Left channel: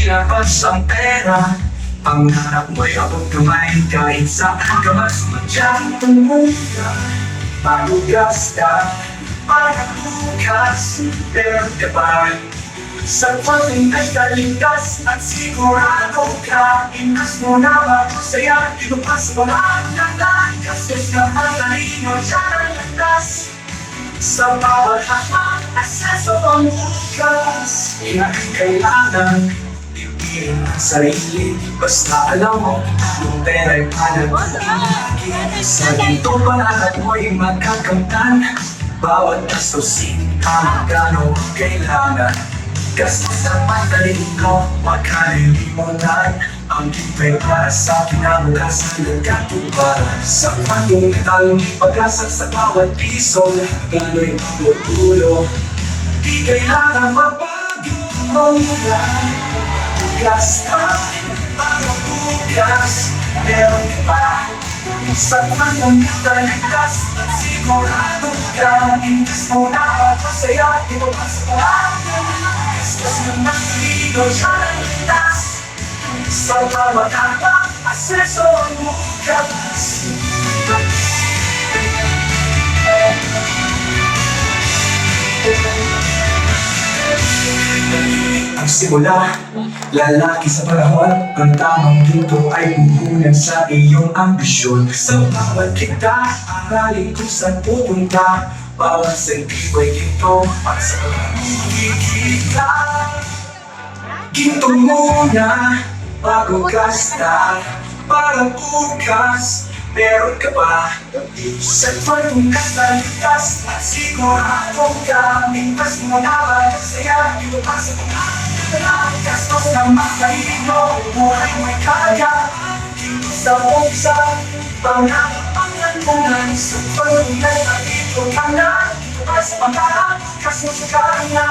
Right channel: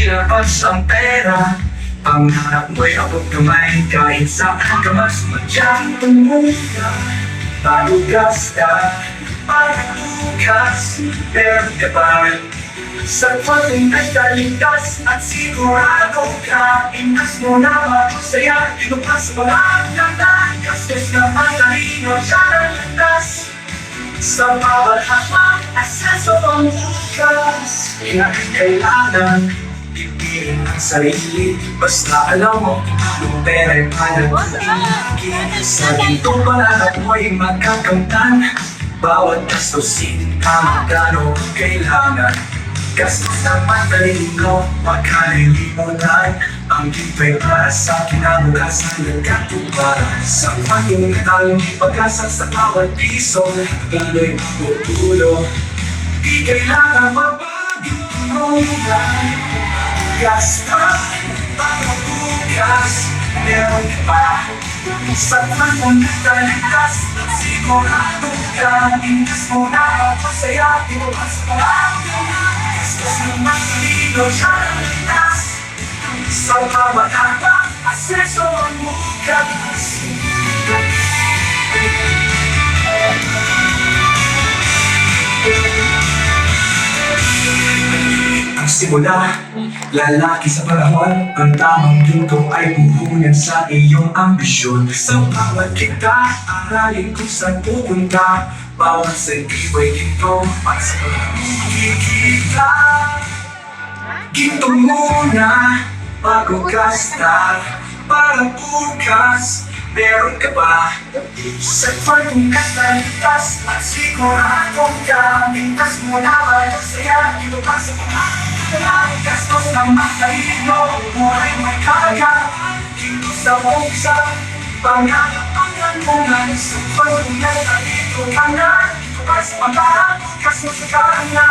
ilabas ang pera. Pangarap mo'y abot kamay kahit saan ka mas madyang tumulong. Bago gasta, para bukas, meron ka pa rin. Sa pagdating ay taligtas at sigurado ka. Inas mo na masaya, inupas mo lang naman. Gastos na matalino, siya ang landas. Sa bawat hakbang, aseso ang bukas. Kailangan pipiliin ang sarili. Basta alam mo, yung pera'y panagiging. Sa gintong pangarap mo'y magkakamtan. Bawat gastusin, magkano ang kailangan. Gastos ng matalino, magkalilimunan. Ang tipay para sa kinabukasan ng katuparan. Sa pagkakitang pag-asa sa bawat piso, tuloy tutulong. Di kailangan magbago ang lugar. Gasta, para bukas, meron ka pa. Sa pagkakitaligtas, sigurado ka. Inas mo na masaya, inupas mo ang gastos ng matalino, siya ang landas. Sa bawat hakbang, aseso ang bukas. Ang simula, lalaki sa panahon. Ang tamang ginto ay puhunan sa iyong ambisyon. Sa bawat kita, aralin kung saan pupunta. Bawat sentibo ay ginto, at sa pagkikita. Ginto muna bago gasta, para bukas, meron ka pa. Sa pagkakataligtas at sigurado ka. Inas mo na masaya, ilupas sa pangalan. Gastos ng matalino, buhay may kaga. Dito sa buksa, pangalan mo nga. Sa pagkakataligtas, dito ka na. Ilupas sa pangalan, gastos ka na.